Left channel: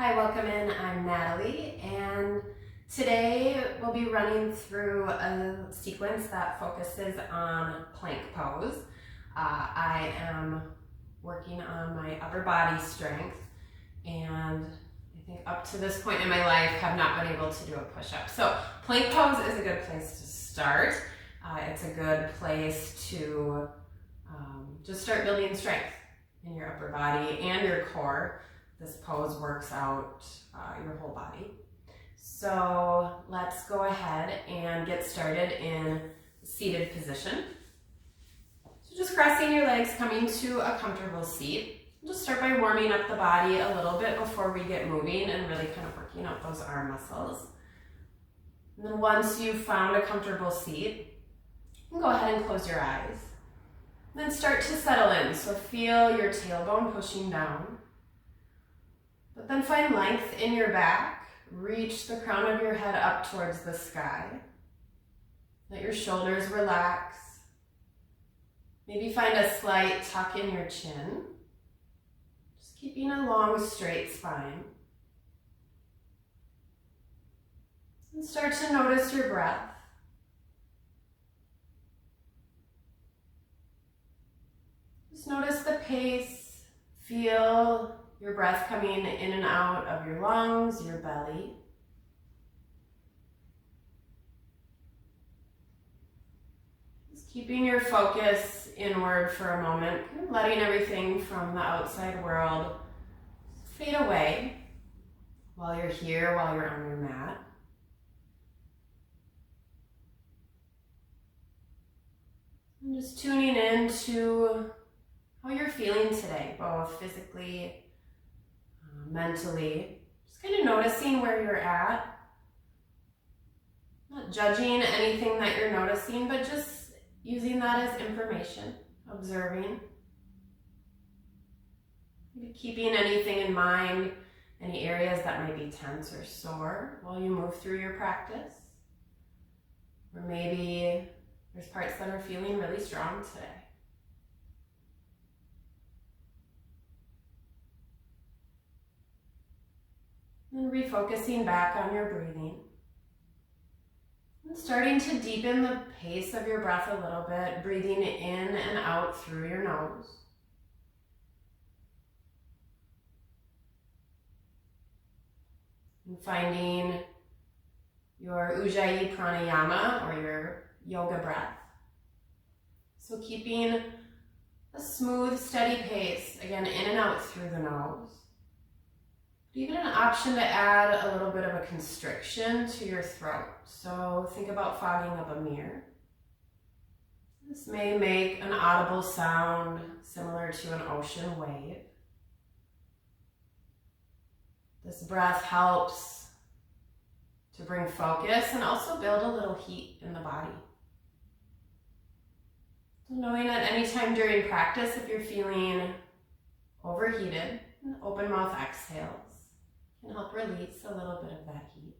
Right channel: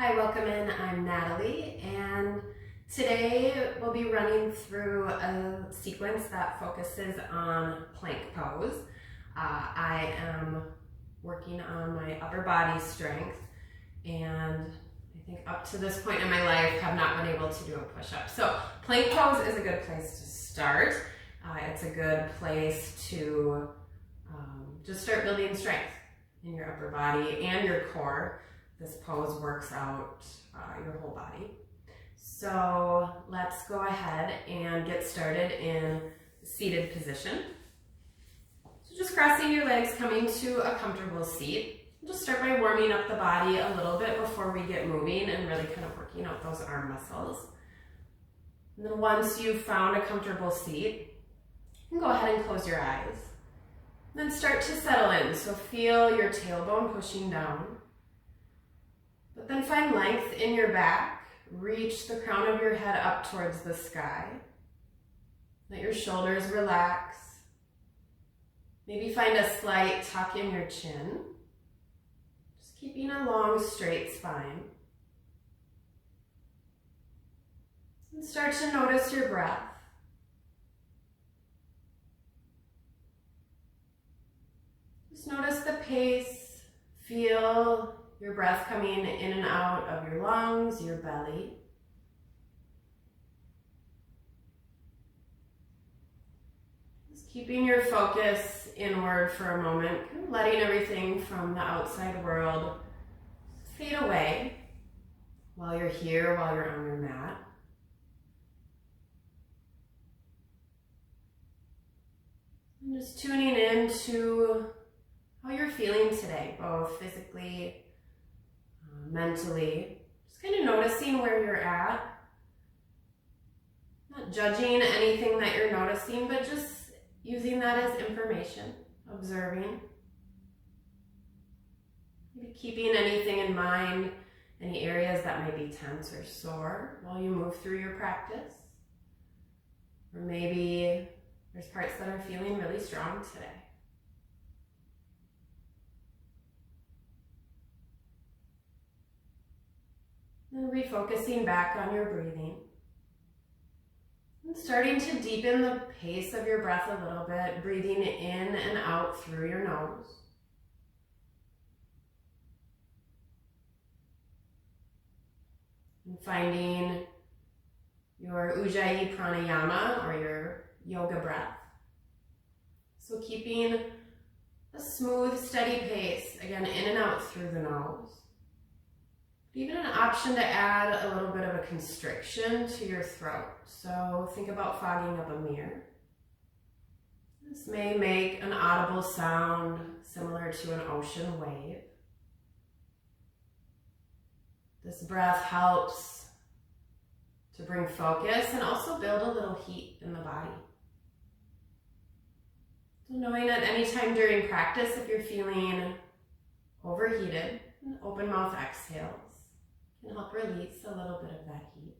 Hi, welcome in. I'm Natalie, and today we'll be running through a sequence that focuses on plank pose. I am working on my upper body strength, and I think up to this point in my life have not been able to do a push-up. So plank pose is a good place to start. It's a good place to just start building strength in your upper body and your core. This pose works out your whole body. So let's go ahead and get started in seated position. So just crossing your legs, coming to a comfortable seat. Just start by warming up the body a little bit before we get moving and really kind of working out those arm muscles. And then once you've found a comfortable seat, you can go ahead and close your eyes. Then start to settle in. So feel your tailbone pushing down. But then find length in your back. Reach the crown of your head up towards the sky. Let your shoulders relax. Maybe find a slight tuck in your chin. Just keeping a long, straight spine. And start to notice your breath. Just notice the pace. Feel your breath coming in and out of your lungs, your belly. Just keeping your focus inward for a moment, letting everything from the outside world fade away while you're here, while you're on your mat. And just tuning in to how you're feeling today, both physically, mentally. Just kind of noticing where you're at. Not judging anything that you're noticing, but just using that as information, observing. Maybe keeping anything in mind, any areas that might be tense or sore while you move through your practice. Or maybe there's parts that are feeling really strong today. Then refocusing back on your breathing. And starting to deepen the pace of your breath a little bit, breathing in and out through your nose. And finding your Ujjayi pranayama or your yoga breath. So keeping a smooth, steady pace, again, in and out through the nose. Even an option to add a little bit of a constriction to your throat. So think about fogging up a mirror. This may make an audible sound similar to an ocean wave. This breath helps to bring focus and also build a little heat in the body. So knowing at any time during practice, if you're feeling overheated, an open mouth exhales can help release a little bit of that heat.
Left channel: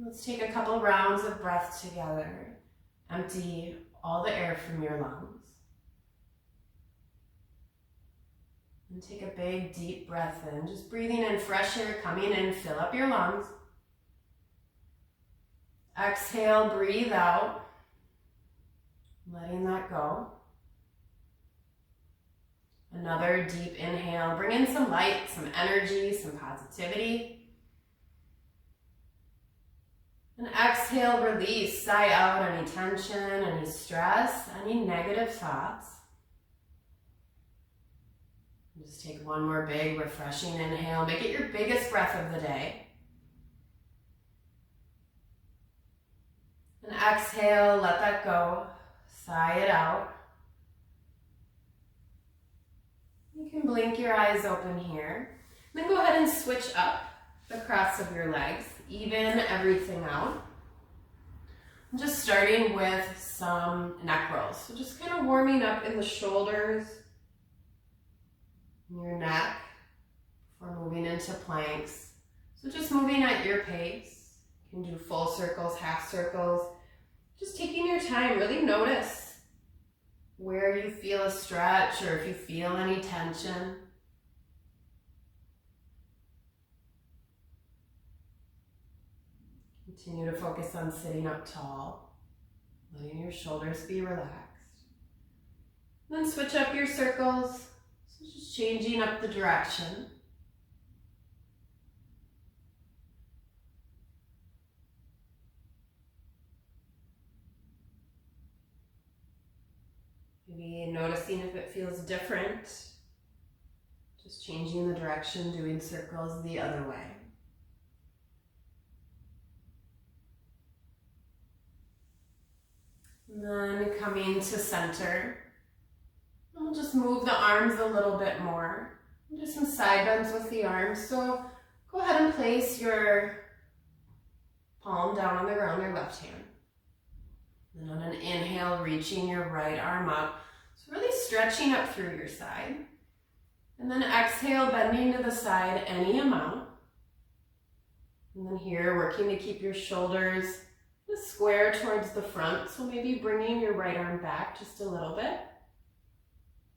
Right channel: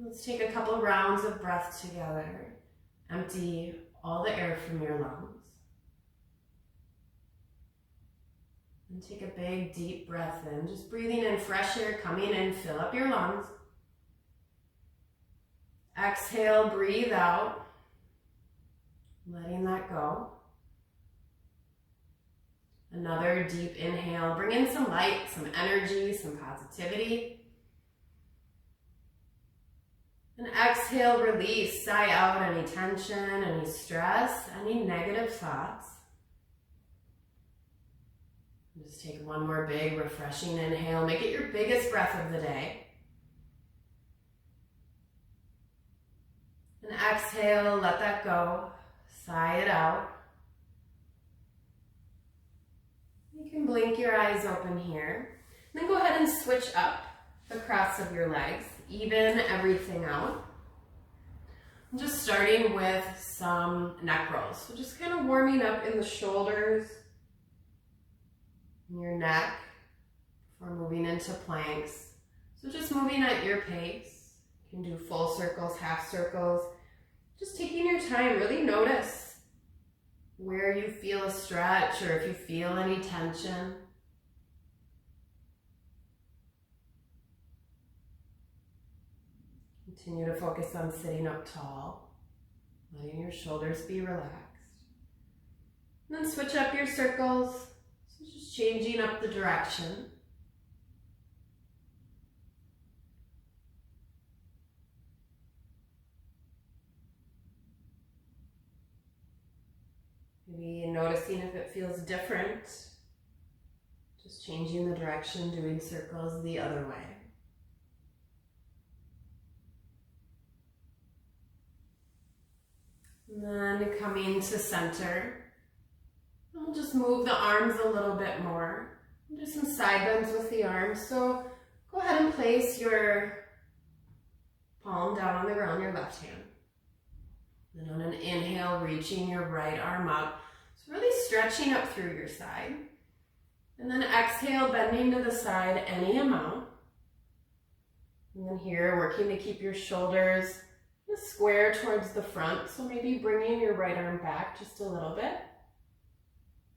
Let's take a couple rounds of breath together. Empty all the air from your lungs. And take a big deep breath in, just breathing in fresh air coming in, fill up your lungs. Exhale, breathe out, letting that go. Another deep inhale, bring in some light, some energy, some positivity. And exhale, release, sigh out any tension, any stress, any negative thoughts. Just take one more big, refreshing inhale. Make it your biggest breath of the day. And exhale, let that go. Sigh it out. You can blink your eyes open here. Then go ahead and switch up the cross of your legs. Even everything out. I'm just starting with some neck rolls. So just kind of warming up in the shoulders, in your neck, before moving into planks. So just moving at your pace. You can do full circles, half circles. Just taking your time, really notice where you feel a stretch or if you feel any tension. Continue to focus on sitting up tall, letting your shoulders be relaxed. And then switch up your circles, so just changing up the direction. Maybe noticing if it feels different. Just changing the direction, doing circles the other way. And then coming to center. We'll just move the arms a little bit more. We'll do some side bends with the arms. So go ahead and place your palm down on the ground, your left hand. Then on an inhale, reaching your right arm up. So really stretching up through your side. And then exhale, bending to the side any amount. And then here, working to keep your shoulders square towards the front. So maybe bringing your right arm back just a little bit.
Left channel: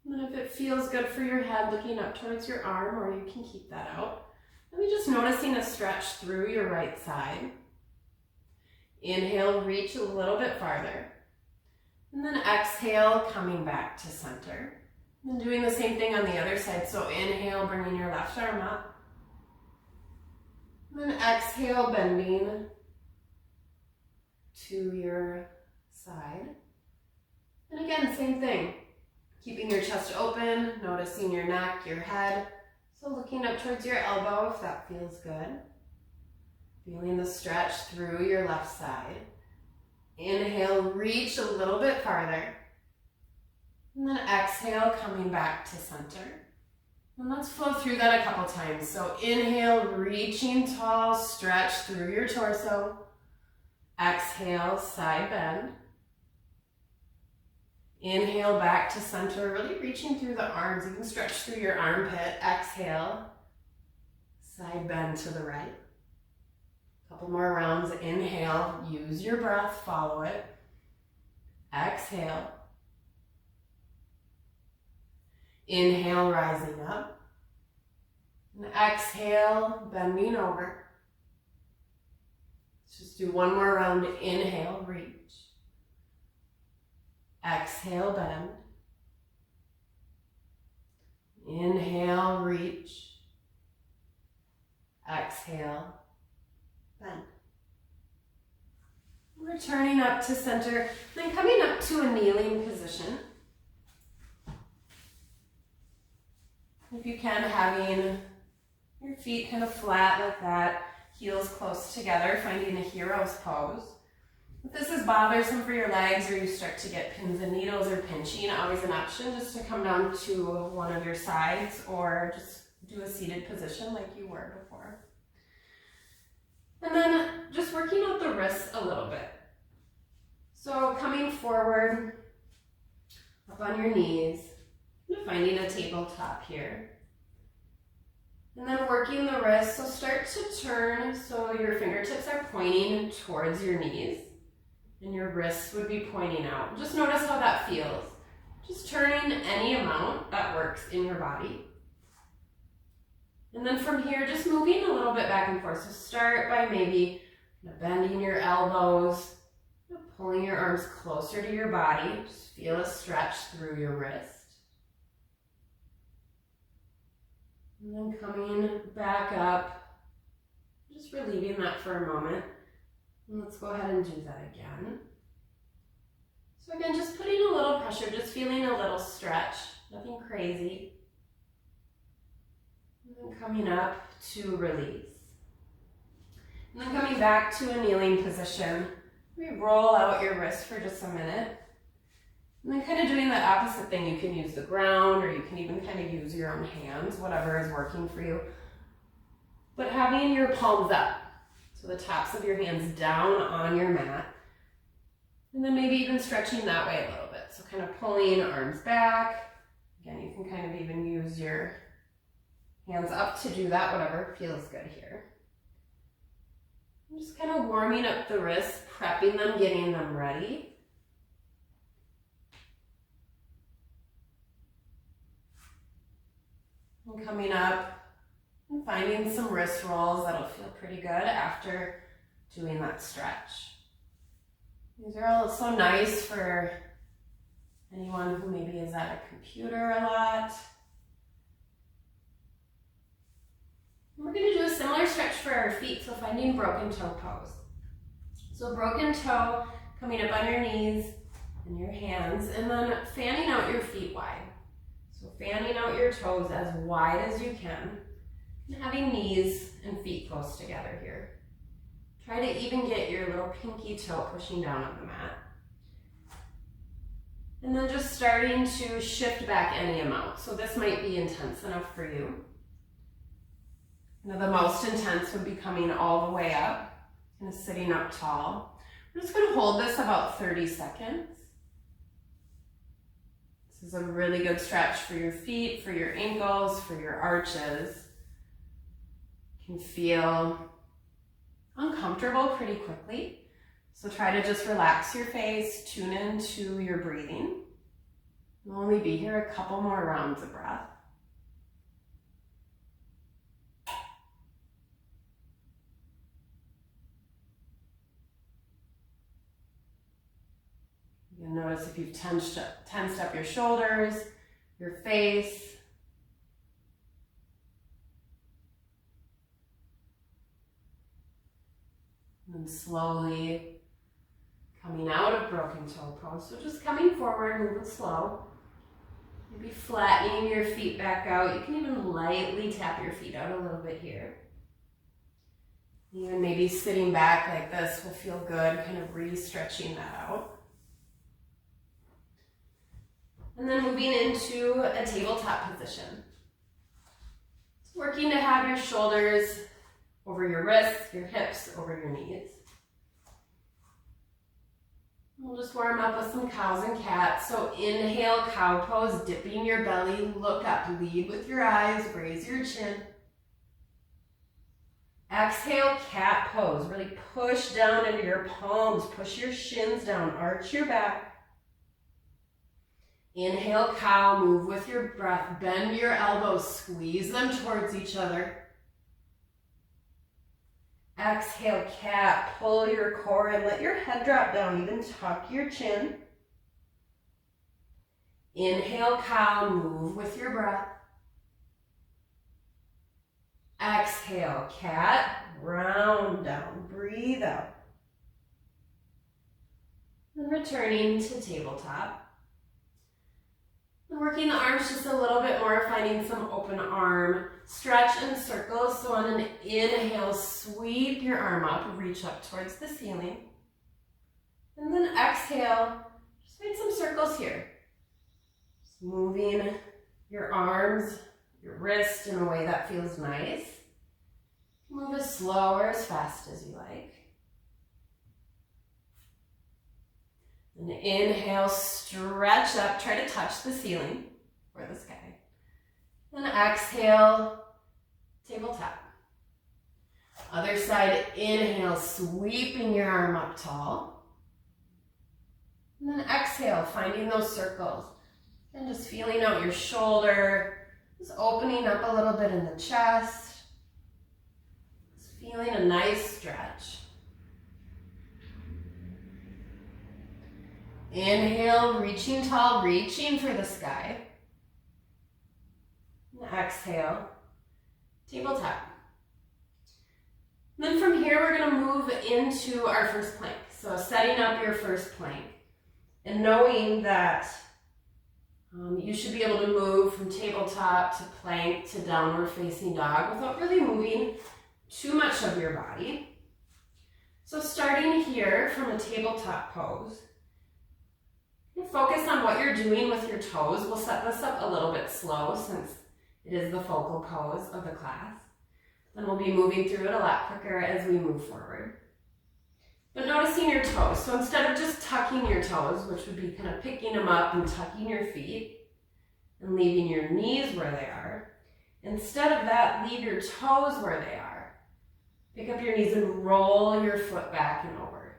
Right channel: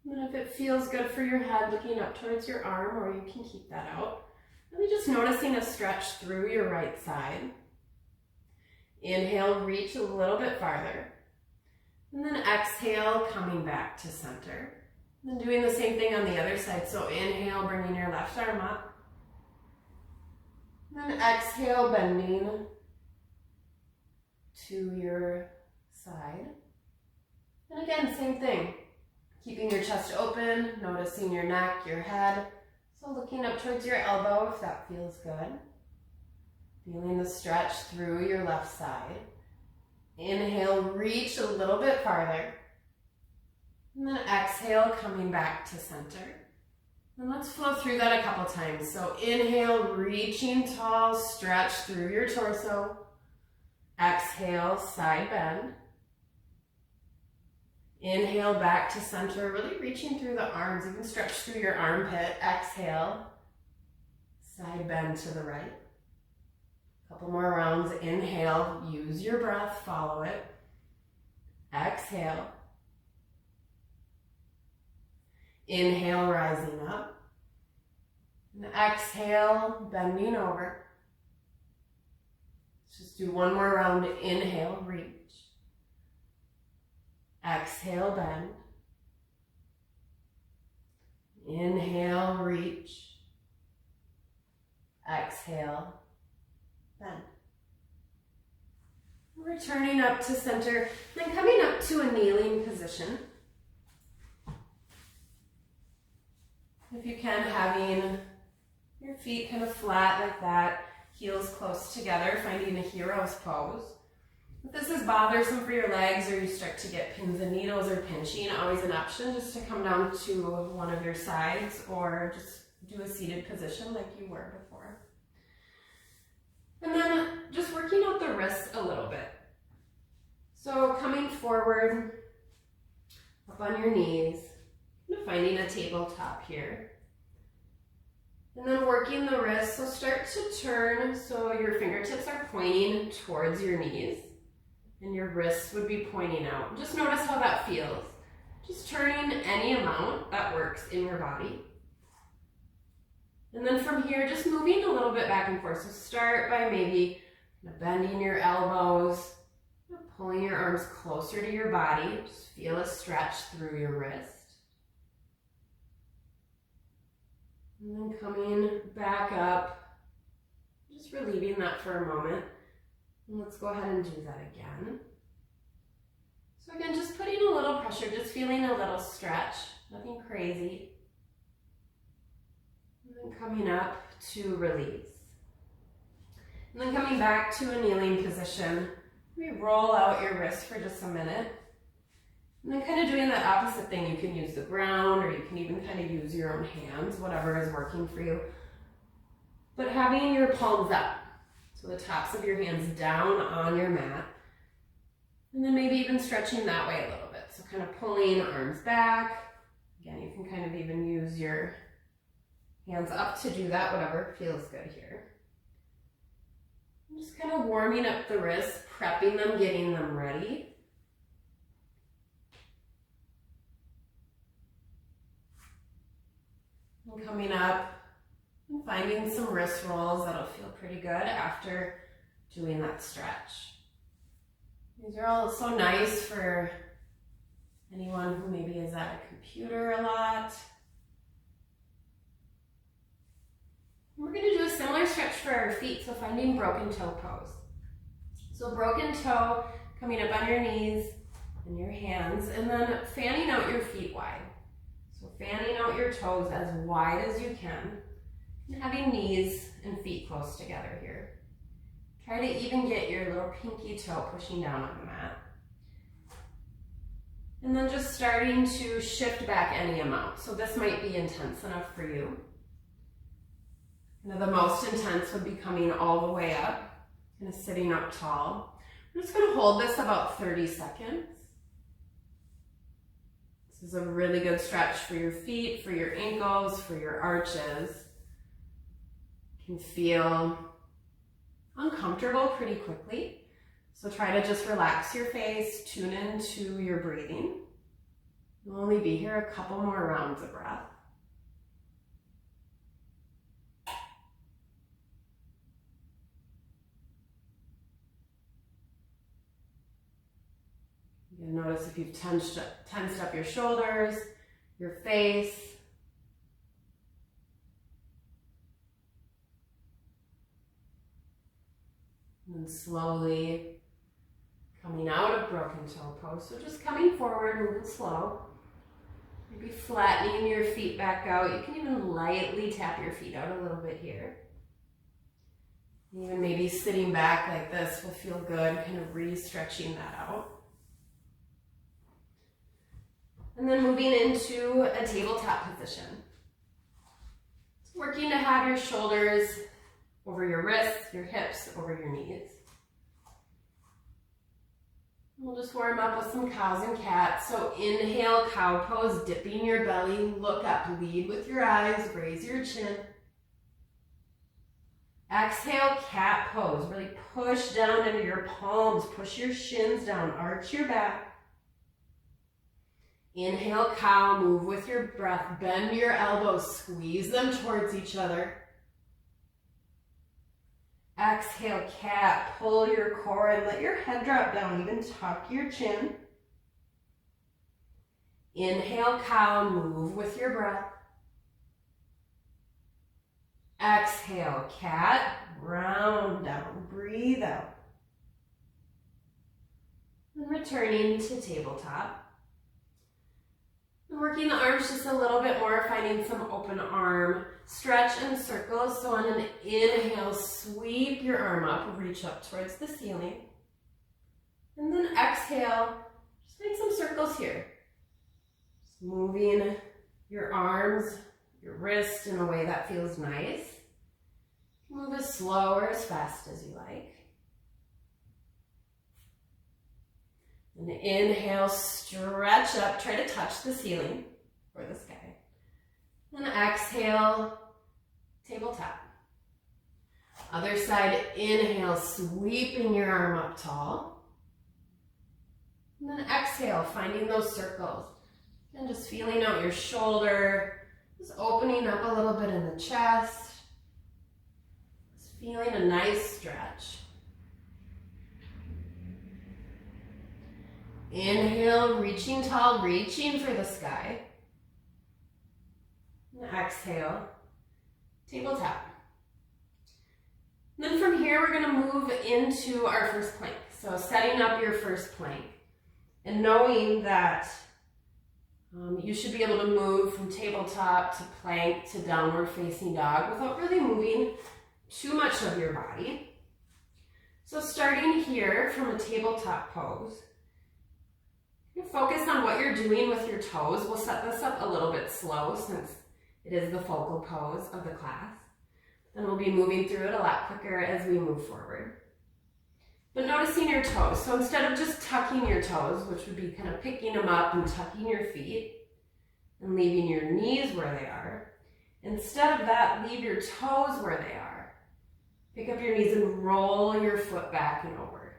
And then if it feels good for your head, looking up towards your arm, or you can keep that out. Really just noticing a stretch through your right side. Inhale, reach a little bit farther. And then exhale, coming back to center. And doing the same thing on the other side. So inhale, bringing your left arm up. And then exhale, bending to your side. And again, same thing. Keeping your chest open, noticing your neck, your head. So looking up towards your elbow if that feels good. Feeling the stretch through your left side. Inhale, reach a little bit farther. And then exhale, coming back to center. And let's flow through that a couple times. So inhale, reaching tall, stretch through your torso. Exhale, side bend. Inhale, back to center, really reaching through the arms. You can stretch through your armpit. Exhale, side bend to the right. Couple more rounds. Inhale, use your breath, follow it. Exhale. Inhale, rising up. And exhale, bending over. Let's just do one more round. Inhale, reach. Exhale, bend. Inhale, reach. Exhale, bend. Returning up to center, then coming up to a kneeling position. If you can, having your feet kind of flat like that, heels close together, finding a hero's pose. If this is bothersome for your legs or you start to get pins and needles or pinching, always an option just to come down to one of your sides or just do a seated position like you were before. And then just working out the wrists a little bit. So coming forward, up on your knees, finding a tabletop here. And then working the wrists, so start to turn so your fingertips are pointing towards your knees and your wrists would be pointing out. Just notice how that feels. Just turning any amount that works in your body. And then from here, just moving a little bit back and forth. So start by maybe bending your elbows, pulling your arms closer to your body. Just feel a stretch through your wrist. And then coming back up, just relieving that for a moment. And let's go ahead and do that again. So again, just putting a little pressure, just feeling a little stretch, nothing crazy. And then coming up to release. And then coming back to a kneeling position, we roll out your wrist for just a minute. And then kind of doing the opposite thing. You can use the ground or you can even kind of use your own hands, whatever is working for you. But having your palms up, so the tops of your hands down on your mat. And then maybe even stretching that way a little bit. So kind of pulling arms back. Again, you can kind of even use your hands up to do that, whatever feels good here. I'm just kind of warming up the wrists, prepping them, getting them ready. And coming up and finding some wrist rolls that'll feel pretty good after doing that stretch. These are all so nice for anyone who maybe is at a computer a lot. We're going to do a similar stretch for our feet, so finding broken toe pose. So broken toe, coming up on your knees and your hands, and then fanning out your feet wide. So fanning out your toes as wide as you can, and having knees and feet close together here. Try to even get your little pinky toe pushing down on the mat. And then just starting to shift back any amount. So this might be intense enough for you. Now the most intense would be coming all the way up, kind of sitting up tall. I'm just going to hold this about 30 seconds. This is a really good stretch for your feet, for your ankles, for your arches. You can feel uncomfortable pretty quickly. So try to just relax your face, tune into your breathing. We'll only be here a couple more rounds of breath. You'll notice if you've tensed up your shoulders, your face. And then slowly coming out of broken toe pose. So just coming forward, moving slow. Maybe flattening your feet back out. You can even lightly tap your feet out a little bit here. Even maybe sitting back like this will feel good, kind of re-stretching that out. And then moving into a tabletop position. So working to have your shoulders over your wrists, your hips over your knees. We'll just warm up with some cows and cats. So inhale, cow pose, dipping your belly, look up, lead with your eyes, raise your chin. Exhale, cat pose, really push down into your palms, push your shins down, arch your back. Inhale, cow, move with your breath, bend your elbows, squeeze them towards each other. Exhale, cat, pull your core and let your head drop down, even tuck your chin. Inhale, cow, move with your breath. Exhale, cat, round down, breathe out. And returning to tabletop. And working the arms just a little bit more, finding some open arm stretch and circles. So on an inhale, sweep your arm up, reach up towards the ceiling. And then exhale, just find some circles here. Just moving your arms, your wrist in a way that feels nice. Move as slow or as fast as you like. And inhale, stretch up, try to touch the ceiling or the sky. Then exhale, tabletop. Other side, inhale, sweeping your arm up tall. And then exhale, finding those circles. And just feeling out your shoulder, just opening up a little bit in the chest. Just feeling a nice stretch. Inhale, reaching tall, reaching for the sky. And exhale, tabletop. And then from here, we're going to move into our first plank. So setting up your first plank and knowing that you should be able to move from tabletop to plank to downward facing dog without really moving too much of your body. So starting here from a tabletop pose, focus on what you're doing with your toes. We'll set this up a little bit slow since it is the focal pose of the class. Then we'll be moving through it a lot quicker as we move forward. But noticing your toes. So instead of just tucking your toes, which would be kind of picking them up and tucking your feet and leaving your knees where they are, instead of that, leave your toes where they are. Pick up your knees and roll your foot back and over.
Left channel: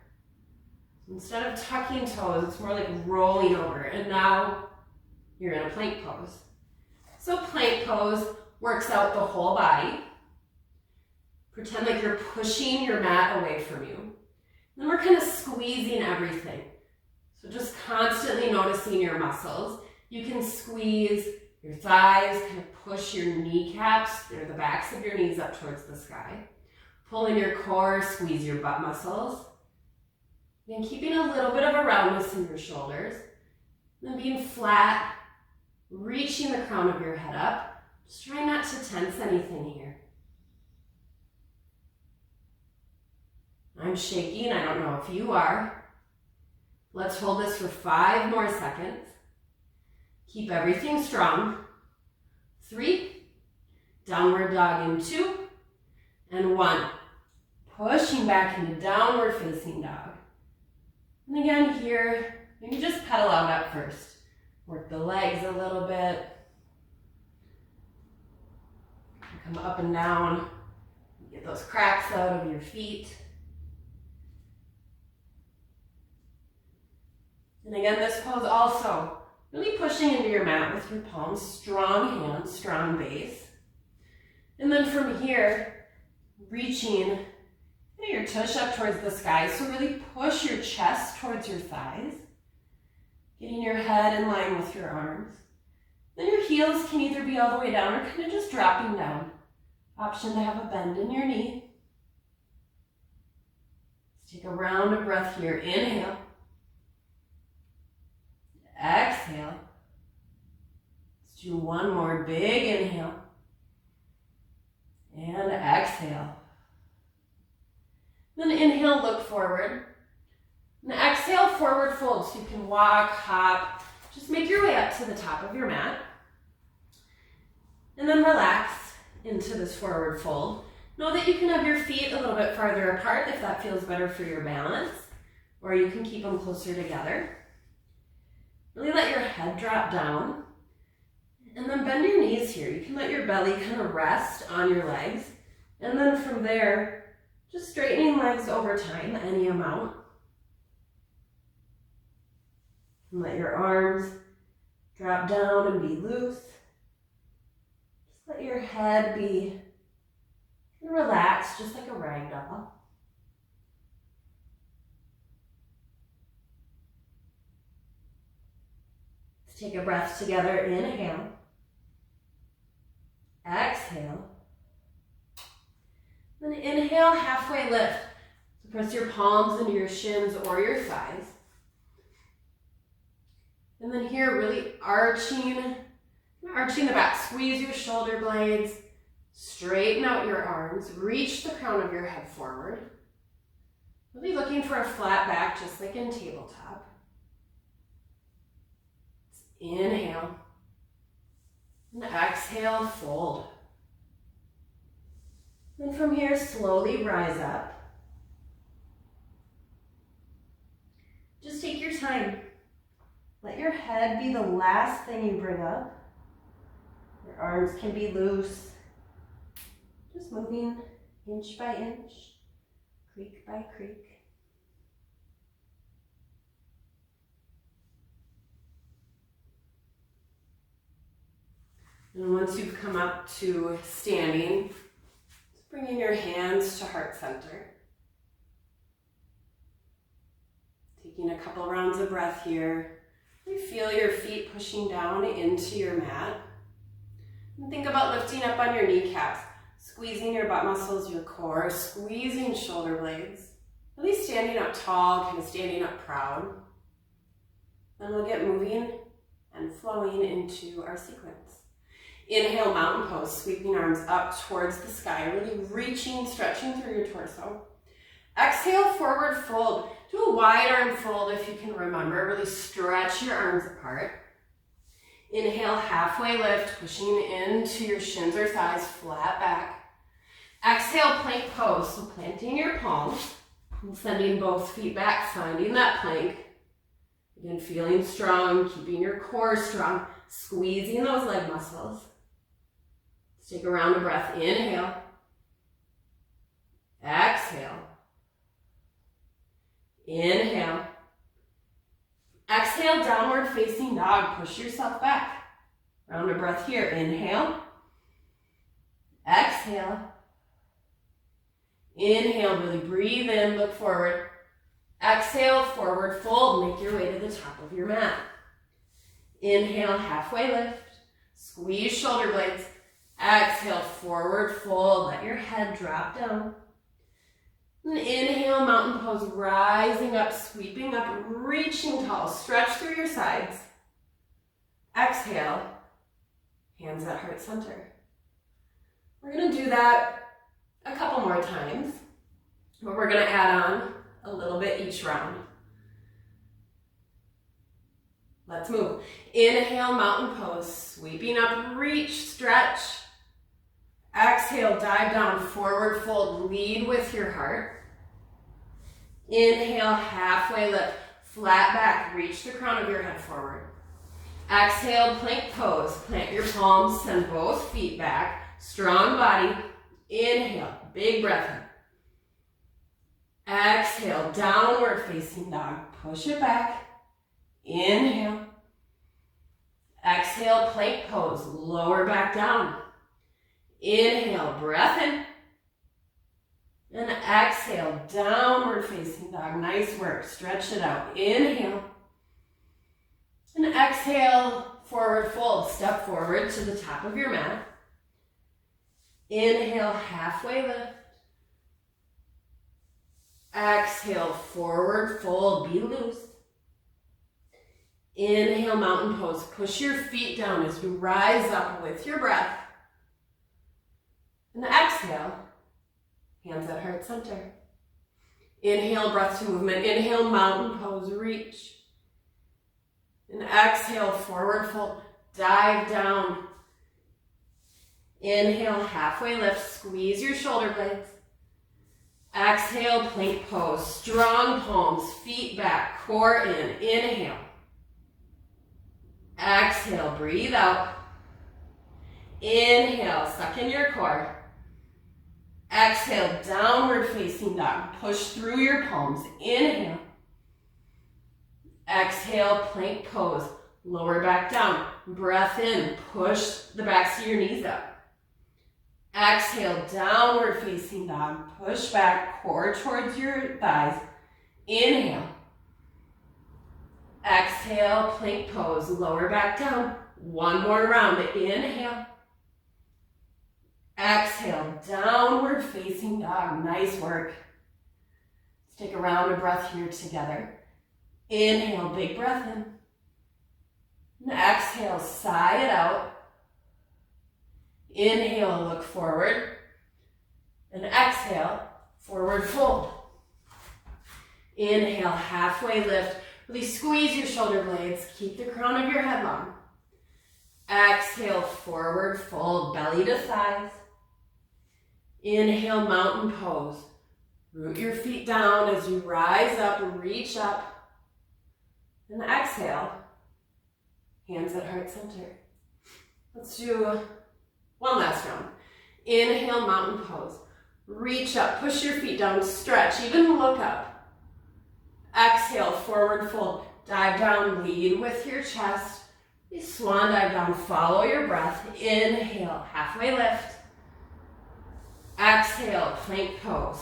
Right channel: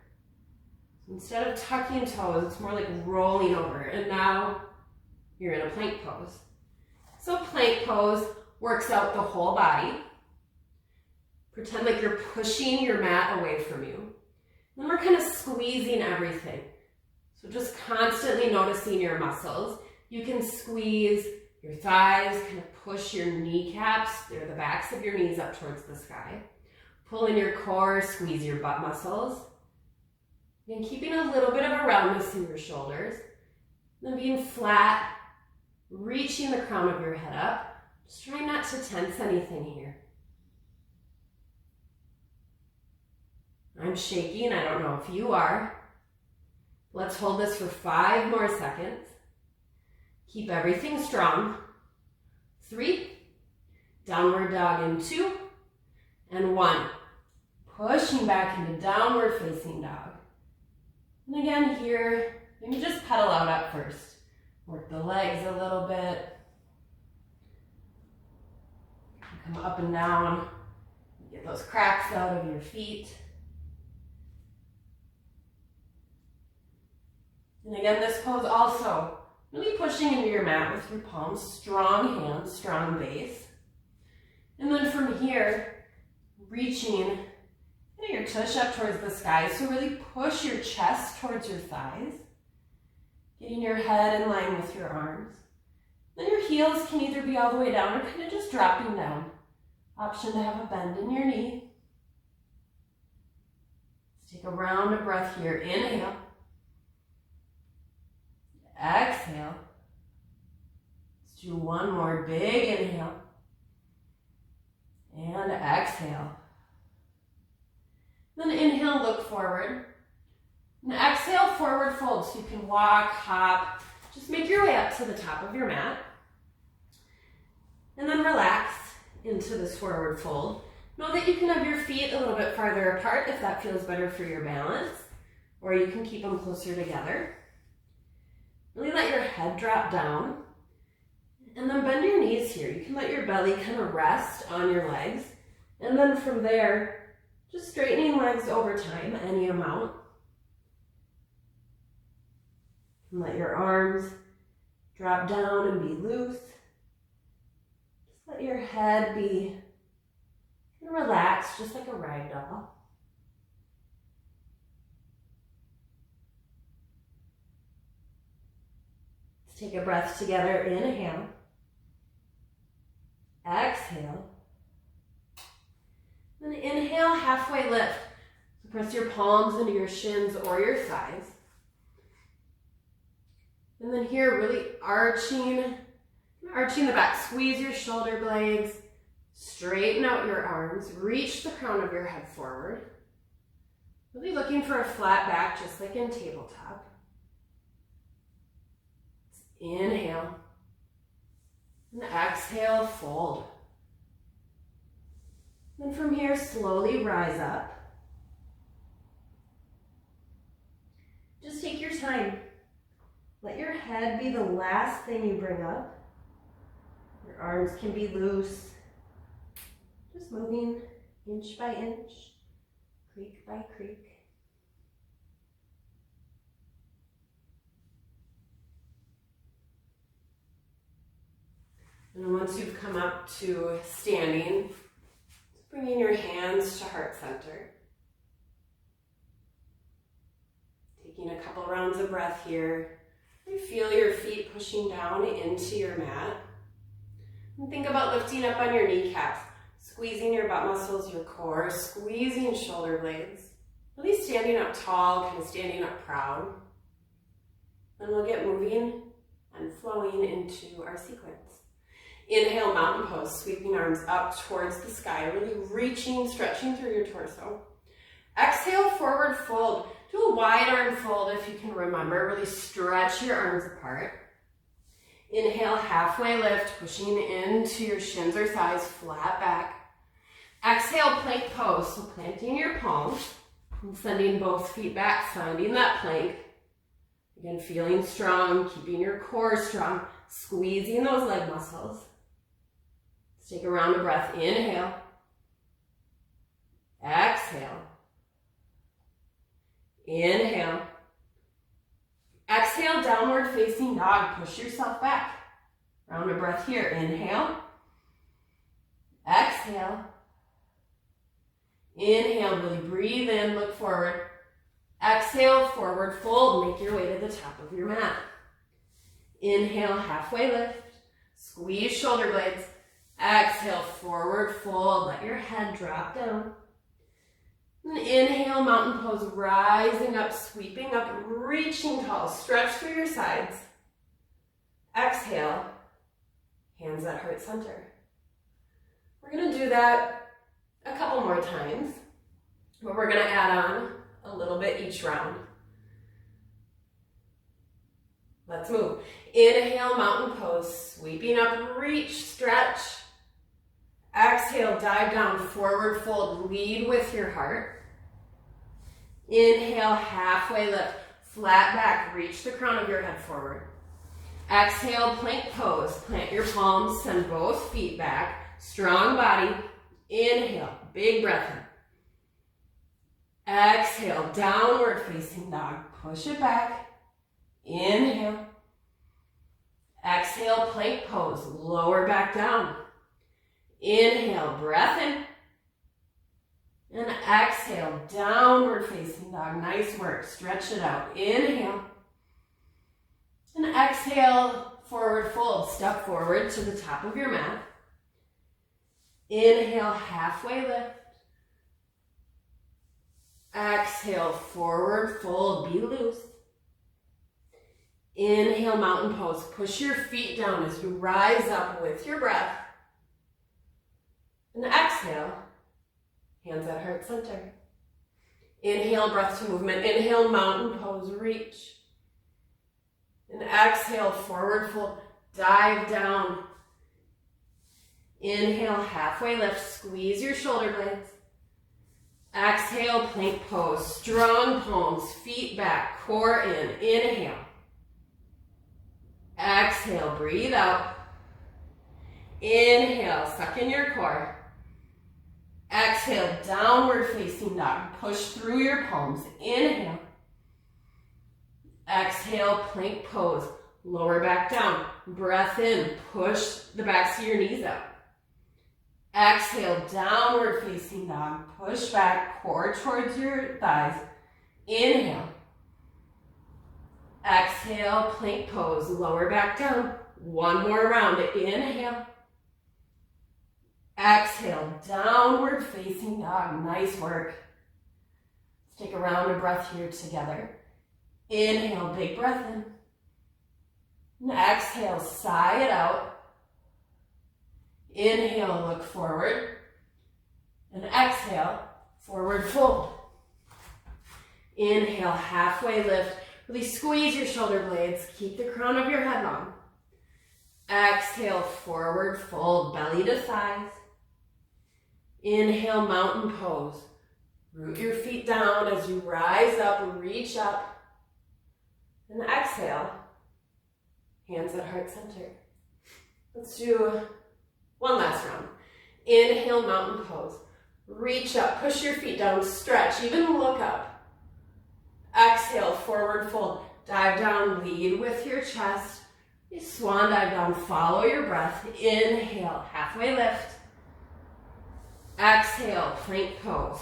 So instead of tucking toes, it's more like rolling over. And now you're in a plank pose. So plank pose works out the whole body. Pretend like you're pushing your mat away from you. Then we're kind of squeezing everything. So just constantly noticing your muscles. You can squeeze your thighs, kind of push your kneecaps, or the backs of your knees up towards the sky. Pull in your core, squeeze your butt muscles. And keeping a little bit of a roundness in your shoulders. Then being flat, reaching the crown of your head up. Just try not to tense anything here. I'm shaking, I don't know if you are. Let's hold this for 5 more seconds. Keep everything strong. 3, downward dog in 2, and 1. Pushing back into downward facing dog. And again here, maybe just pedal out at first. Work the legs a little bit. Come up and down. Get those cracks out of your feet. And again, this pose also, really pushing into your mat with your palms, strong hands, strong base. And then from here, reaching your tush up towards the sky. So really push your chest towards your thighs. Getting your head in line with your arms. Then your heels can either be all the way down or kind of just dropping down. Option to have a bend in your knee. Let's take a round of breath here. Inhale. Exhale. Let's do one more big inhale. And exhale. Then inhale, look forward. And exhale, forward fold. So you can walk, hop, just make your way up to the top of your mat. And then relax into this forward fold. Know that you can have your feet a little bit farther apart if that feels better for your balance, or you can keep them closer together. Really let your head drop down, and then bend your knees here. You can let your belly kind of rest on your legs, and then from there, just straightening legs over time, any amount. And let your arms drop down and be loose. Just let your head be relaxed, just like a rag doll. Take a breath together, inhale, exhale, then inhale, halfway lift. So press your palms into your shins or your thighs. And then here, really arching the back, squeeze your shoulder blades, straighten out your arms, reach the crown of your head forward. Really looking for a flat back, just like in tabletop. Inhale, and exhale, fold. Then from here, slowly rise up. Just take your time. Let your head be the last thing you bring up. Your arms can be loose. Just moving inch by inch, creak by creak. And once you've come up to standing, just bringing your hands to heart center. Taking a couple rounds of breath here. You feel your feet pushing down into your mat. And think about lifting up on your kneecaps, squeezing your butt muscles, your core, squeezing shoulder blades. Really standing up tall, kind of standing up proud. Then we'll get moving and flowing into our sequence. Inhale, mountain pose, sweeping arms up towards the sky, really reaching, stretching through your torso. Exhale, forward fold. Do a wide arm fold if you can remember. Really stretch your arms apart. Inhale, halfway lift, pushing into your shins or thighs, flat back. Exhale, plank pose. So planting your palms and sending both feet back, finding that plank. Again, feeling strong, keeping your core strong, squeezing those leg muscles. Let's take a round of breath. Inhale. exhale. Inhale. Exhale, downward facing dog. Push yourself back. Round of breath here. Inhale. Exhale. Inhale, really breathe in, look forward. Exhale, forward fold. Make your way to the top of your mat. Inhale, halfway lift. Squeeze shoulder blades. Exhale, forward fold. Let your head drop down. And inhale, mountain pose, rising up, sweeping up, reaching tall. Stretch through your sides. Exhale, hands at heart center. We're going to do that a couple more times, but we're going to add on a little bit each round. Let's move. Inhale, mountain pose, sweeping up, reach, stretch. Exhale, dive down, forward fold, lead with your heart. Inhale, halfway lift, flat back, reach the crown of your head forward. Exhale, plank pose, plant your palms, send both feet back, strong body. Inhale, big breath in. Exhale, downward facing dog, push it back. Inhale. Exhale, plank pose, lower back down. Inhale, breath in. And exhale, downward facing dog. Nice work. Stretch it out. Inhale. And exhale, forward fold. Step forward to the top of your mat. Inhale, halfway lift. Exhale, forward fold. Be loose. Inhale, mountain pose. Push your feet down as you rise up with your breath. And exhale, hands at heart center. Inhale, breath to movement. Inhale, mountain pose, reach. And exhale, forward fold, dive down. Inhale, halfway lift, squeeze your shoulder blades. Exhale, plank pose, strong palms, feet back, core in. Inhale. Exhale, breathe out. Inhale, suck in your core. Exhale, downward facing dog. Push through your palms. Inhale. Exhale, plank pose. Lower back down. Breath in. Push the backs of your knees up. Exhale, downward facing dog. Push back, core towards your thighs. Inhale. Exhale, plank pose. Lower back down. One more round. Inhale. Exhale, downward facing dog. Nice work. Let's take a round of breath here together. Inhale, big breath in. And exhale, sigh it out. Inhale, look forward. And exhale, forward fold. Inhale, halfway lift. Really squeeze your shoulder blades. Keep the crown of your head long. Exhale, forward fold, belly to thighs. Inhale, mountain pose. Root your feet down as you rise up, reach up. And exhale, hands at heart center. Let's do one last round. Inhale, mountain pose. Reach up, push your feet down, stretch, even look up. Exhale, forward fold. Dive down, lead with your chest. Swan dive down, follow your breath. Inhale, halfway lift. Exhale, plank pose.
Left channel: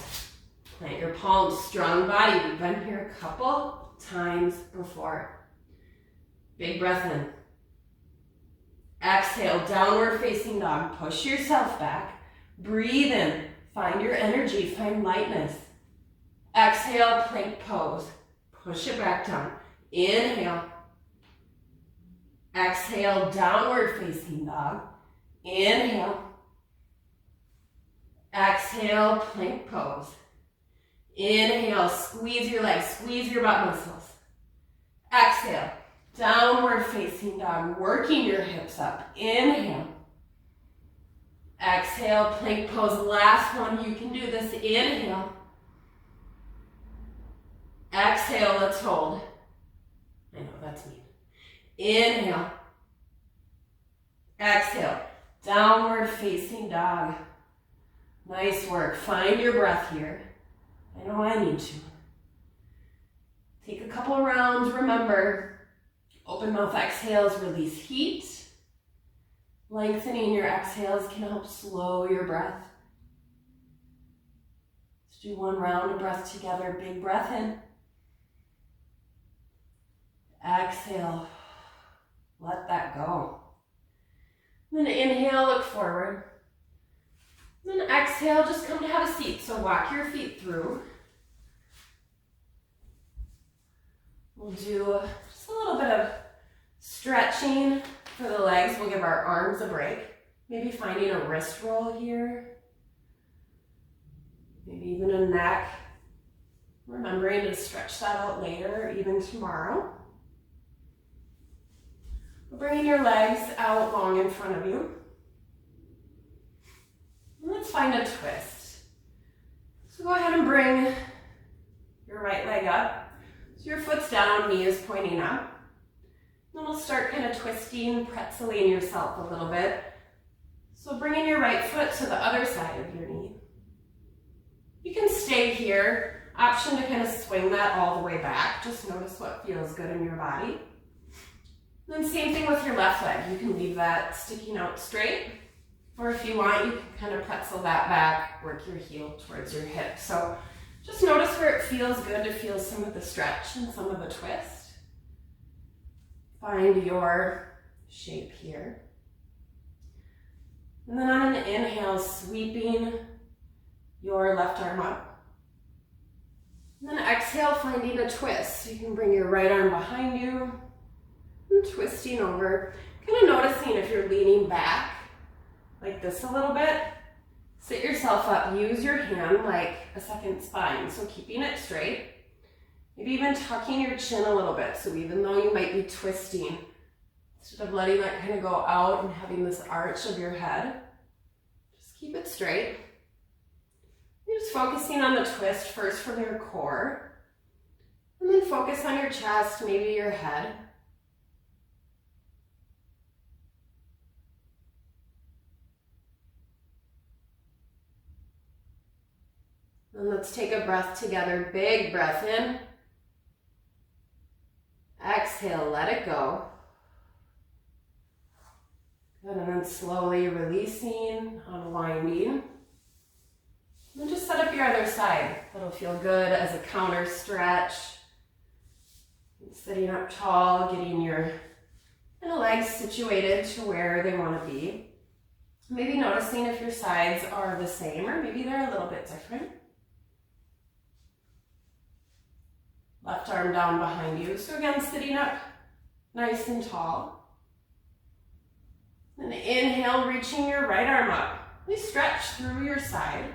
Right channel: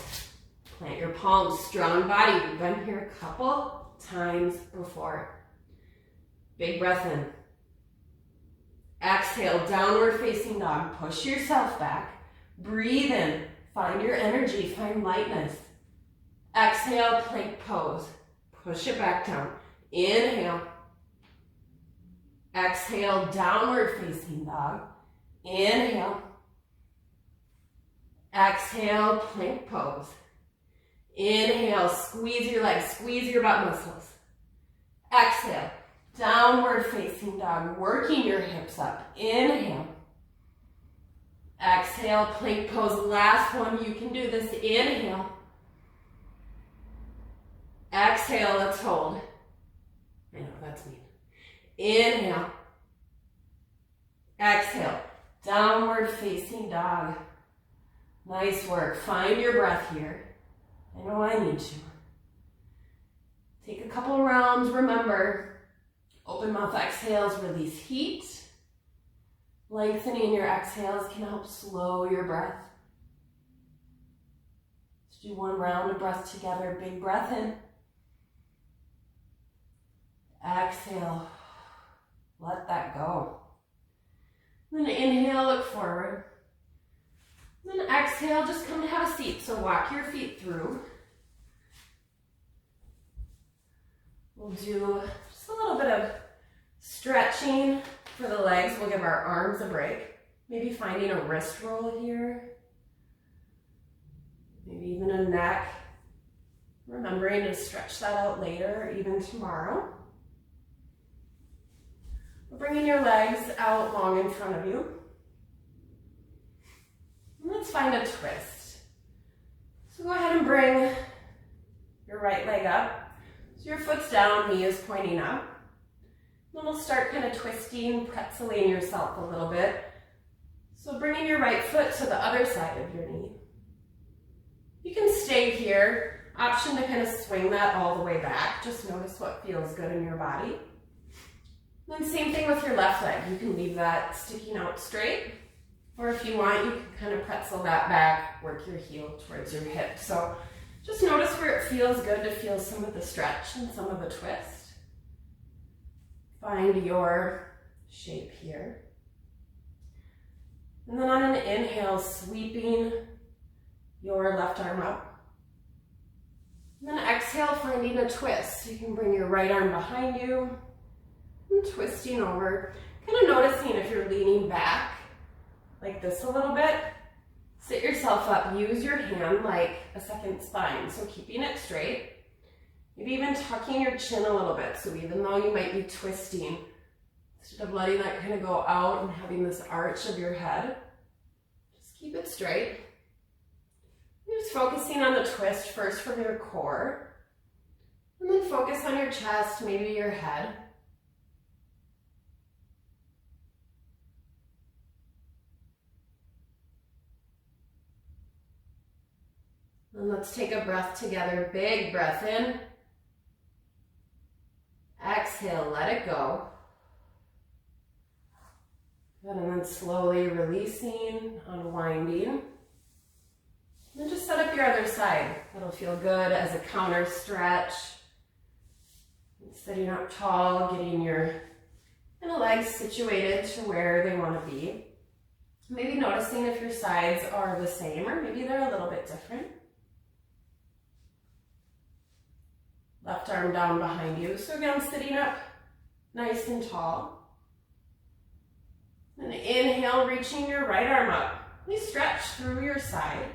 Plant your palms, strong body. We've been here a couple times before. Big breath in. Exhale, downward facing dog. Push yourself back. Breathe in. Find your energy, find lightness. Exhale, plank pose. Push it back down. Inhale. Exhale, downward facing dog. Inhale. Exhale, plank pose. Inhale, squeeze your legs, squeeze your butt muscles. Exhale, downward facing dog, working your hips up. Inhale. Exhale, plank pose. Last one, you can do this. Inhale. Exhale, let's hold. I know, that's me. Inhale. Exhale, downward facing dog. Nice work. Find your breath here. I know I need to. Take a couple rounds. Remember, open mouth exhales release heat. Lengthening your exhales can help slow your breath. Let's do one round of breath together. Big breath in. Exhale. Let that go. Then inhale, look forward. Then exhale, just come to have a seat. So walk your feet through. We'll do just a little bit of stretching for the legs. We'll give our arms a break. Maybe finding a wrist roll here. Maybe even a neck. Remembering to stretch that out later, even tomorrow. Bringing your legs out long in front of you. Let's find a twist. So go ahead and bring your right leg up. So your foot's down, knee is pointing up. Then we'll start kind of twisting, pretzeling yourself a little bit. So bringing your right foot to the other side of your knee. You can stay here. Option to kind of swing that all the way back. Just notice what feels good in your body. Then same thing with your left leg. You can leave that sticking out straight. Or if you want, you can kind of pretzel that back, work your heel towards your hip. So just notice where it feels good to feel some of the stretch and some of the twist. Find your shape here. And then on an inhale, sweeping your left arm up. And then exhale, finding a twist. So you can bring your right arm behind you and twisting over. Kind of noticing if you're leaning back like this a little bit. Sit yourself up. Use your hand like a second spine. So keeping it straight. Maybe even tucking your chin a little bit. So even though you might be twisting, instead of letting that kind of go out and having this arch of your head, just keep it straight. You're just focusing on the twist first from your core. And then focus on your chest, maybe your head. And let's take a breath together. Big breath in. Exhale, let it go. Good, and then slowly releasing, unwinding. And then just set up your other side. That'll feel good as a counter stretch. Sitting up tall, getting your legs situated to where they want to be. Maybe noticing if your sides are the same or maybe they're a little bit different. Left arm down behind you. So again, sitting up nice and tall. And inhale, reaching your right arm up. Really stretch through your side.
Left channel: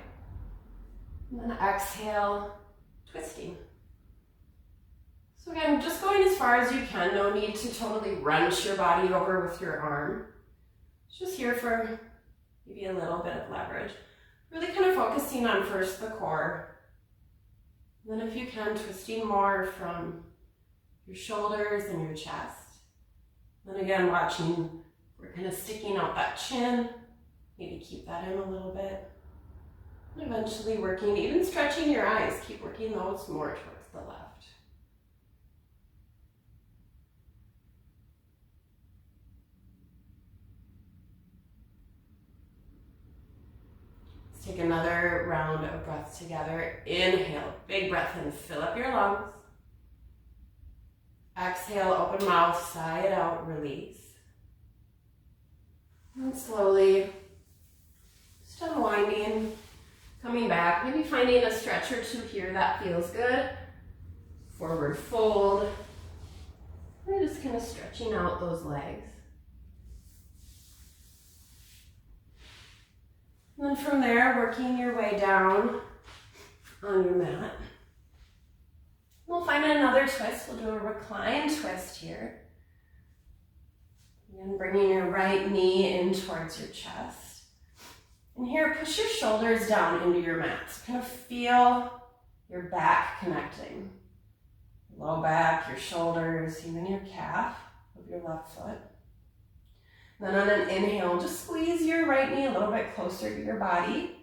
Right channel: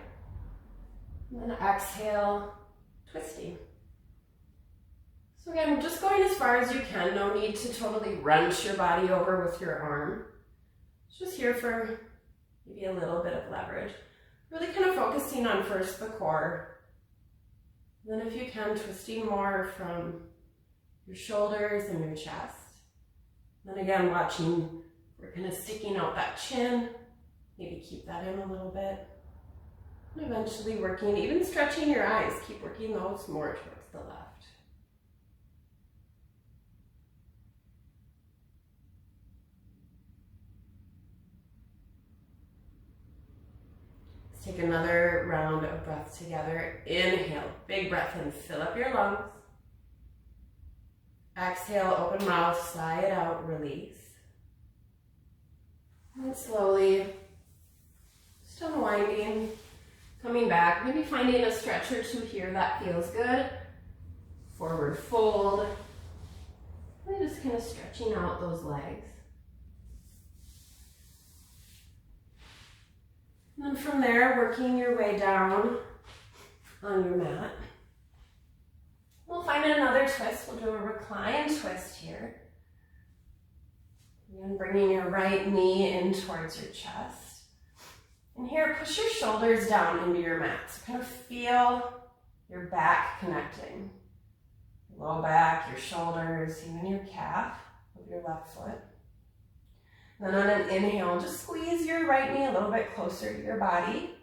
And then exhale, twisting. So again, just going as far as you can. No need to totally wrench your body over with your arm. It's just here for maybe a little bit of leverage. Really kind of focusing on first the core. Then if you can, twisting more from your shoulders and your chest. Then again, watching, we're kind of sticking out that chin. Maybe keep that in a little bit. And eventually working, even stretching your eyes. Keep working those more towards the left. Take another round of breath together. Inhale, big breath in, fill up your lungs. Exhale, open mouth, sigh it out, release. And slowly, just unwinding, coming back, maybe finding a stretch or two here that feels good. Forward fold. And just kind of stretching out those legs. And then from there, working your way down on your mat. We'll find another twist. We'll do a recline twist here. And bringing your right knee in towards your chest. And here, push your shoulders down into your mat. So kind of feel your back connecting. Your low back, your shoulders, even your calf of your left foot. Then on an inhale, just squeeze your right knee a little bit closer to your body.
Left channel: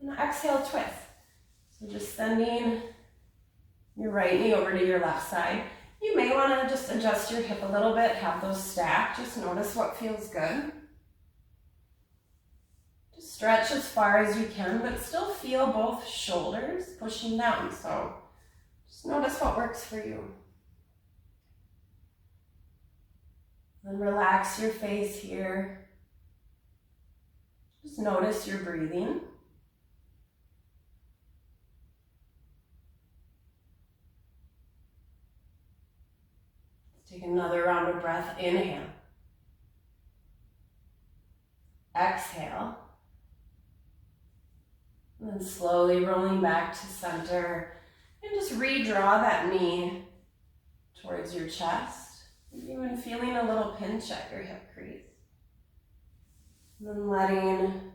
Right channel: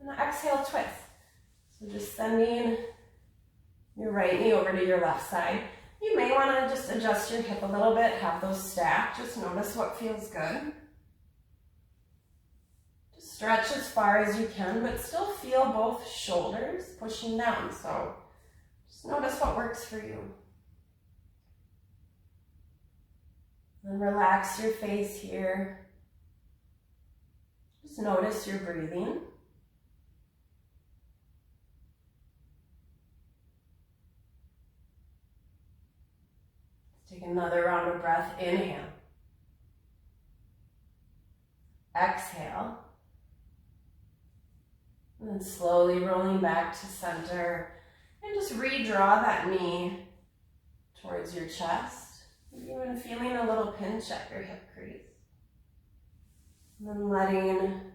And exhale, twist. So just sending your right knee over to your left side. You may want to just adjust your hip a little bit, have those stacked. Just notice what feels good. Just stretch as far as you can, but still feel both shoulders pushing down. So just notice what works for you. Then relax your face here. Just notice your breathing. Take another round of breath. Inhale. Exhale. And then slowly rolling back to center. And just redraw that knee towards your chest. Maybe even feeling a little pinch at your hip crease. And then letting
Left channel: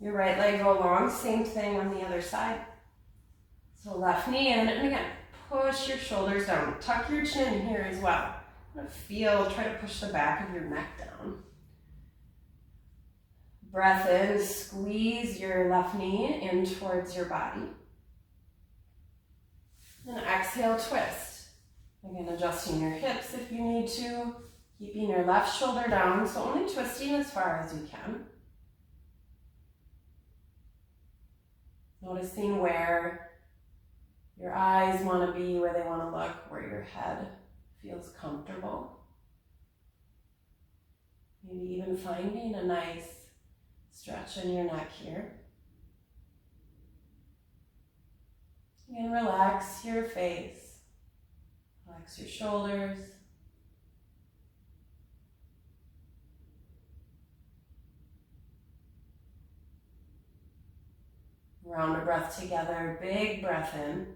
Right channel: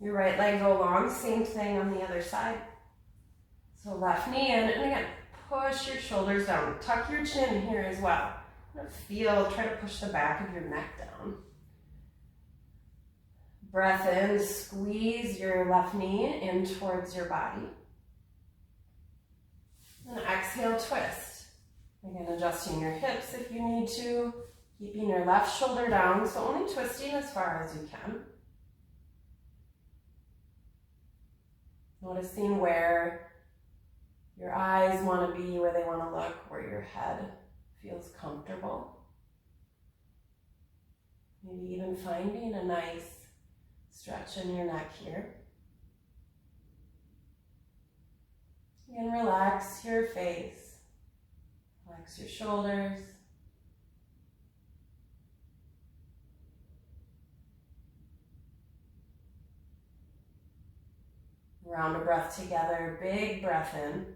your right leg go long. Same thing on the other side. So left knee in, and again, push your shoulders down. Tuck your chin here as well. Try to push the back of your neck down. Breath in, squeeze your left knee in towards your body. Then exhale, twist. Again, adjusting your hips if you need to. Keeping your left shoulder down, so only twisting as far as you can. Noticing where your eyes want to be, where they want to look, where your head feels comfortable. Maybe even finding a nice stretch in your neck here. Again, relax your face, relax your shoulders. Round of breath together, big breath in.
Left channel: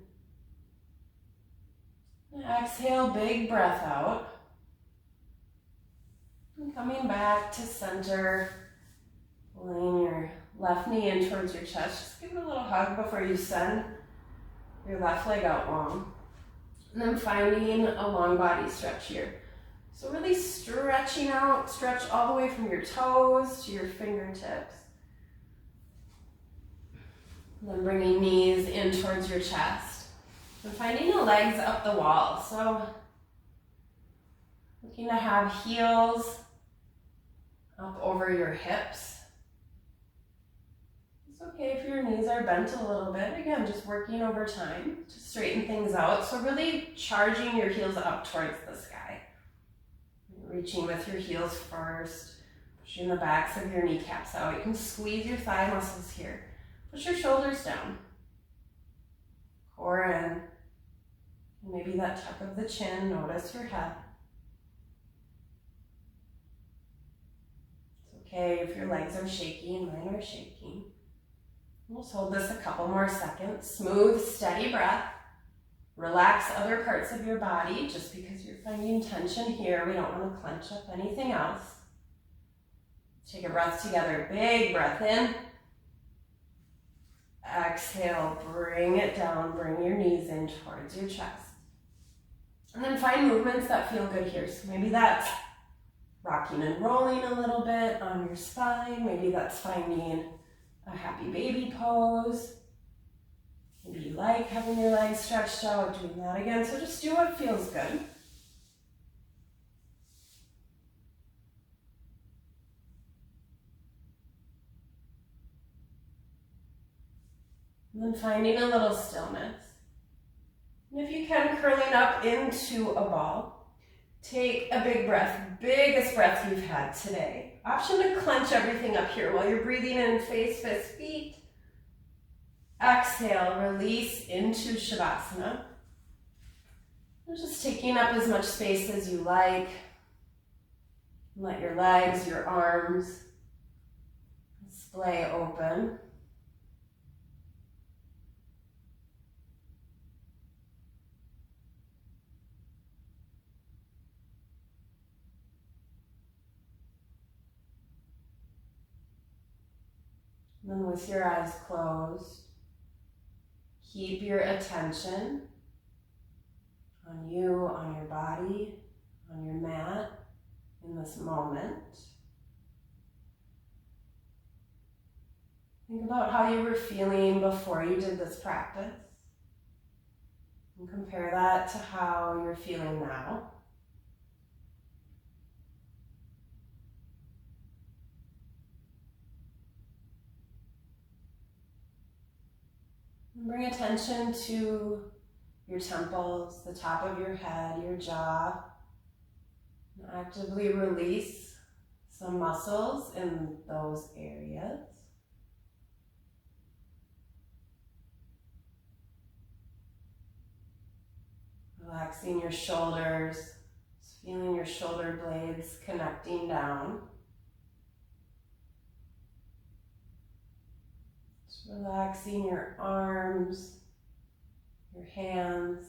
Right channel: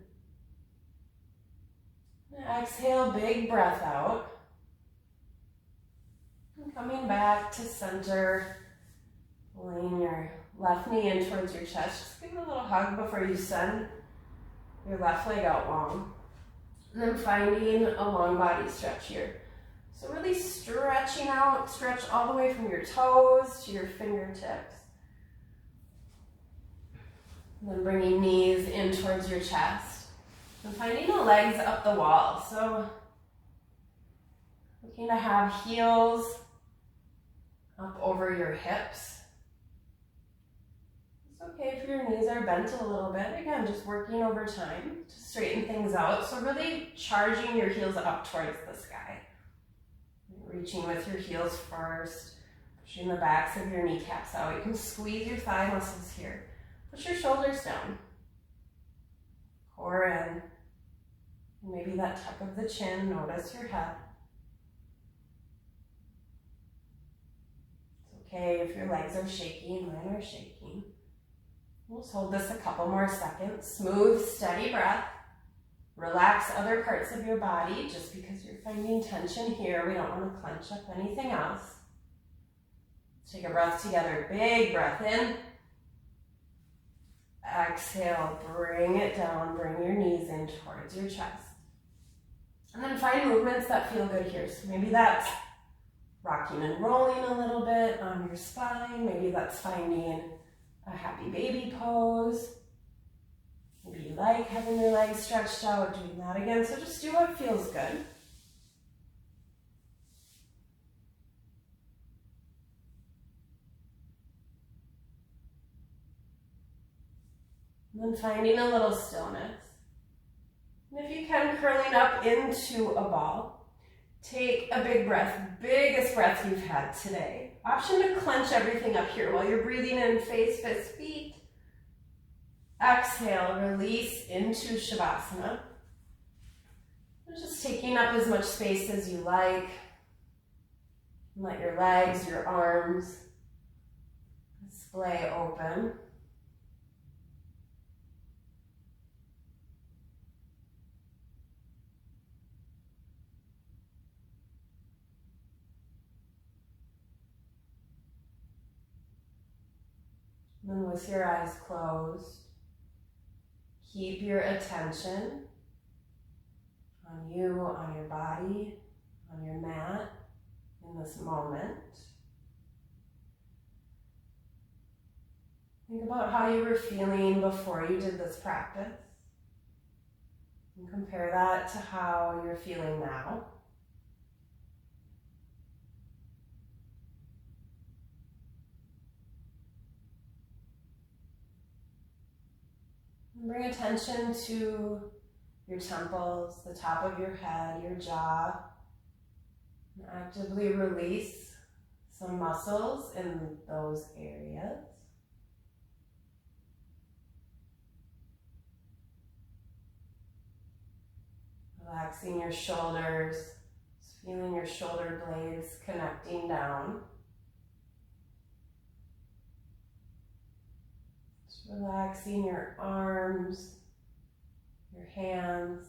And exhale, big breath out. And coming back to center, pulling your left knee in towards your chest. Just give it a little hug before you send your left leg out long. And then finding a long body stretch here. So really stretching out, stretch all the way from your toes to your fingertips. And then bringing knees in towards your chest. And finding the legs up the wall. So looking to have heels up over your hips. It's okay if your knees are bent a little bit. Again, just working over time to straighten things out. So really charging your heels up towards the sky. Reaching with your heels first. Pushing the backs of your kneecaps out. You can squeeze your thigh muscles here. Push your shoulders down. Core in. Maybe that tuck of the chin. Notice your head. It's okay if your legs are shaky and mine are shaking. We'll just hold this a couple more seconds. Smooth, steady breath. Relax other parts of your body. Just because you're finding tension here, we don't want to clench up anything else. Take a breath together. Big breath in. Exhale, bring it down, bring your knees in towards your chest. And then find movements that feel good here. So maybe that's rocking and rolling a little bit on your spine. Maybe that's finding a happy baby pose. Maybe you like having your legs stretched out, doing that again. So just do what feels good. And then finding a little stillness. And if you can, curling up into a ball. Take a big breath, biggest breath you've had today. Option to clench everything up here while you're breathing in, face, fists, feet. Exhale, release into Shavasana. And just taking up as much space as you like. Let your legs, your arms splay open. And then with your eyes closed, keep your attention on you, on your body, on your mat in this moment. Think about how you were feeling before you did this practice and compare that to how you're feeling now. Bring attention to your temples, the top of your head, your jaw, and actively release some muscles in those areas. Relaxing your shoulders, just feeling your shoulder blades connecting down. Just relaxing your arms, your hands.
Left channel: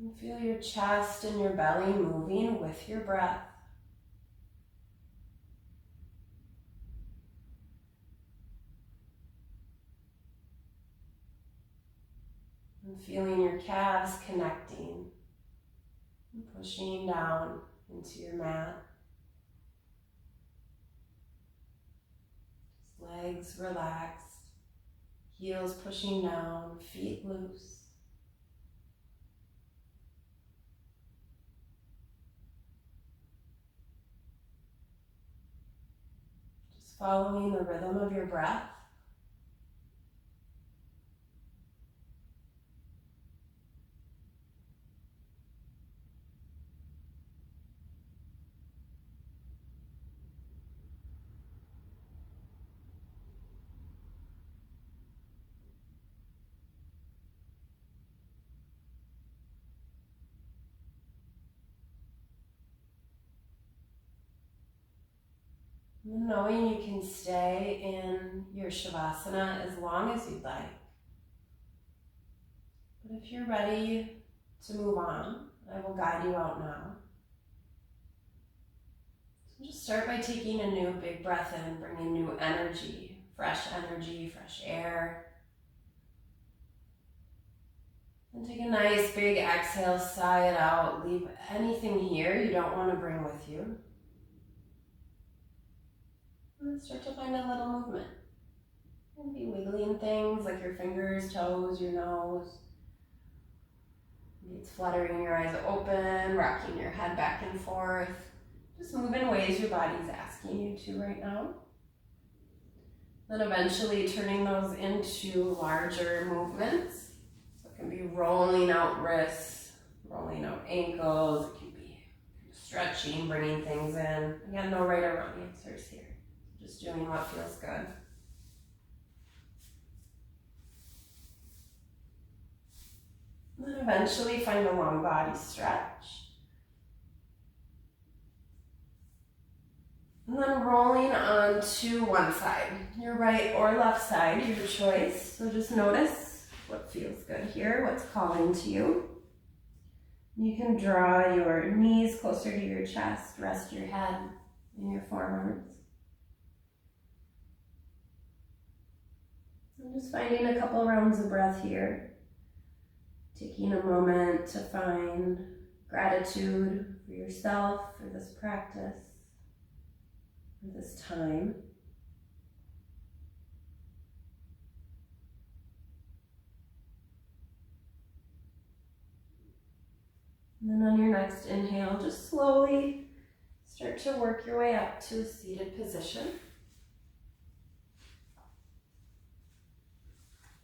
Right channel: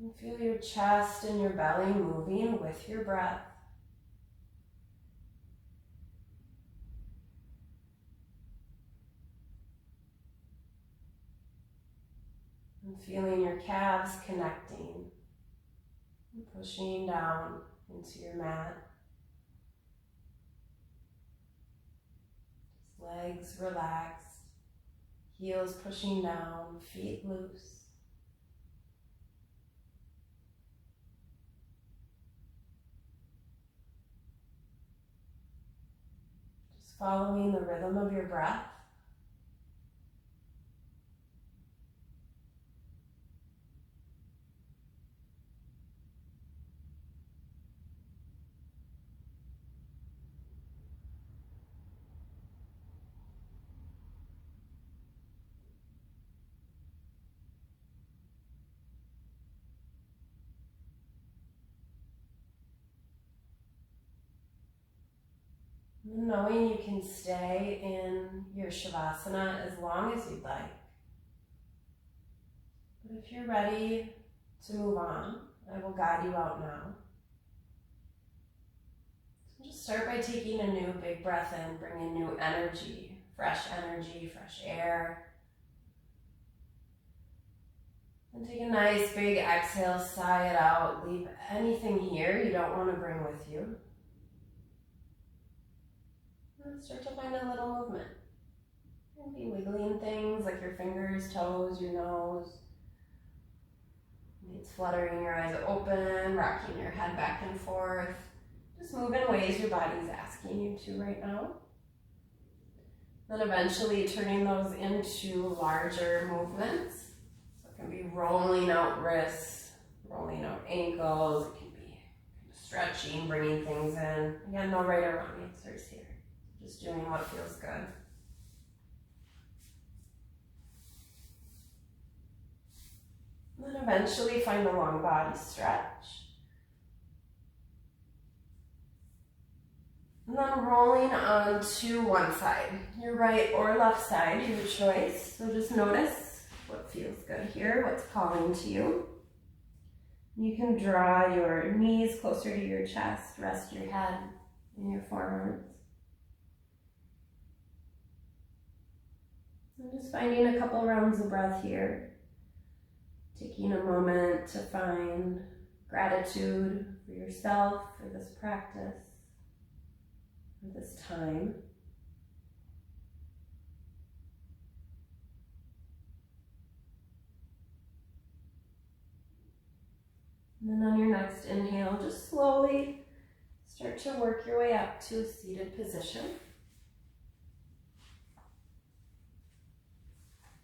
And feel your chest and your belly moving with your breath. And feeling your calves connecting and pushing down into your mat. Just legs relaxed, heels pushing down, feet loose. Just following the rhythm of your breath. And knowing you can stay in your Shavasana as long as you'd like. But if you're ready to move on, I will guide you out now. So just start by taking a new big breath in, bringing new energy, fresh air. And take a nice big exhale, sigh it out. Leave anything here you don't want to bring with you. And start to find a little movement. And be wiggling things like your fingers, toes, your nose. Maybe it's fluttering your eyes open, rocking your head back and forth. Just move in ways your body's asking you to right now. Then eventually turning those into larger movements. So it can be rolling out wrists, rolling out ankles. It can be stretching, bringing things in. Again, no right or wrong answers here. Just doing what feels good. And then eventually find a long body stretch. And then rolling onto one side, your right or left side, your choice. So just notice what feels good here, what's calling to you. You can draw your knees closer to your chest, rest your head in your forearms. I'm just finding a couple rounds of breath here. Taking a moment to find gratitude for yourself, for this practice, for this time. And then on your next inhale, just slowly start to work your way up to a seated position.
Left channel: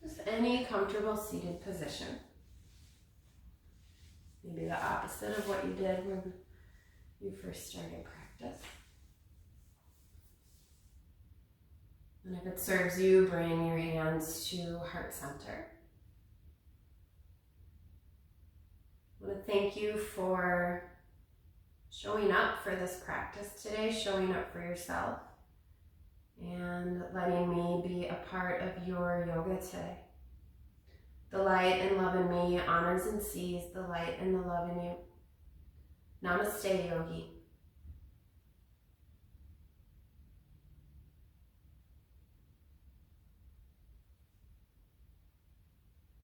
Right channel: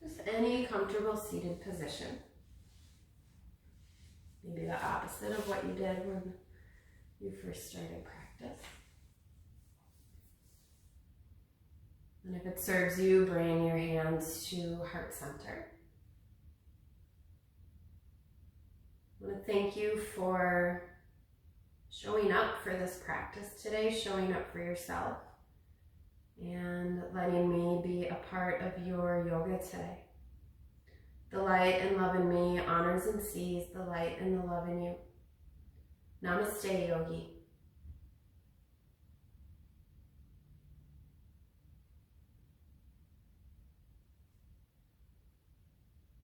Just any comfortable seated position. Maybe the opposite of what you did when you first started practice. And if it serves you, bring your hands to heart center. I want to thank you for showing up for this practice today, showing up for yourself, and letting me be a part of your yoga today. The light and love in me honors and sees the light and the love in you. Namaste, Yogi.